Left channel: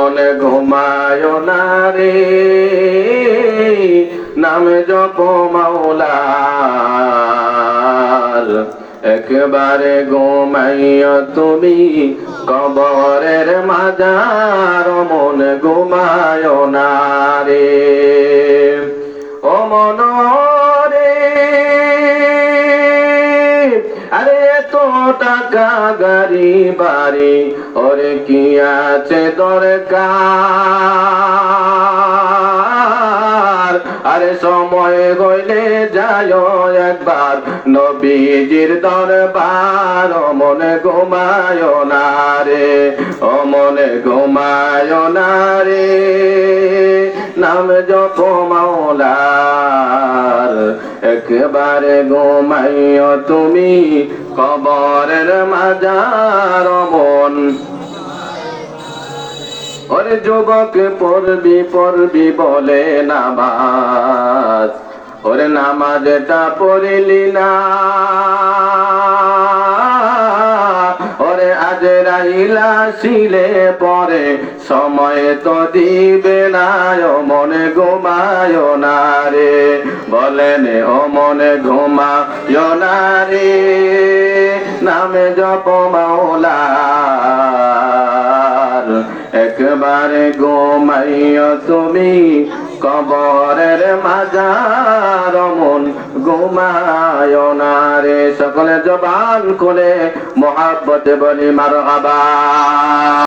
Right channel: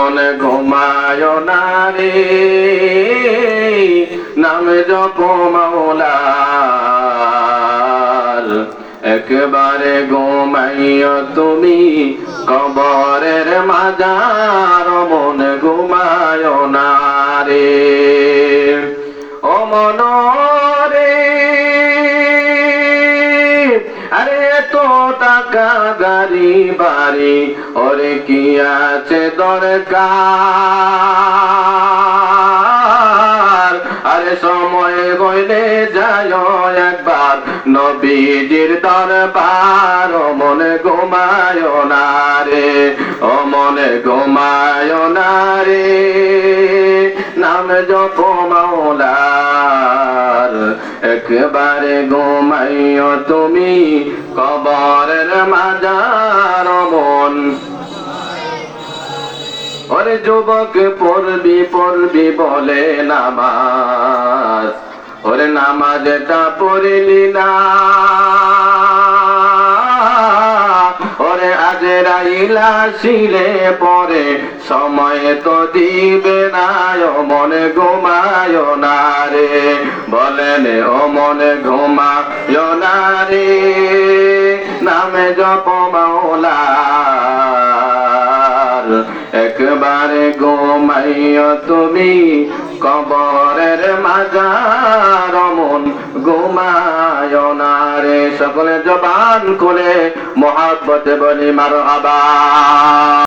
মন ঘুমায় না রে, নাম জপ মাওলার। একবারে ঘুমাইও তুমি কবরের মাজার, মন ঘুমায় না রে। ও মন রে, আরে তো টাকা গাড়ি বাড়ি ওরে কি আছে দরকার, আরে সময় হইলে যায় একবার নবীজির দরবার। ও মনে ঘুমায় না রে, ও মনে ঘুমায় না রে, নাম জপ মাওলার। একবারে ঘুমাইও তুমি কবরের মাজার, মন। ওরে যুবক পড়বি পড়বি বলে নামাজ, ওরে নামাজটা পড়িলি না, ওরে আজরাইল আসিলে পরে সময় তো দিবে না। ও মনে ঘুমায় না রে, বলেন ও মনে ঘুমায় না রে, নামে জপ মাওলার। একবারে ঘুমাইও তুমি কবরের মাজার, মন ঘুমায় না রে। সকলে জবান খুলে মহাব্বতে বলি মারহাবা।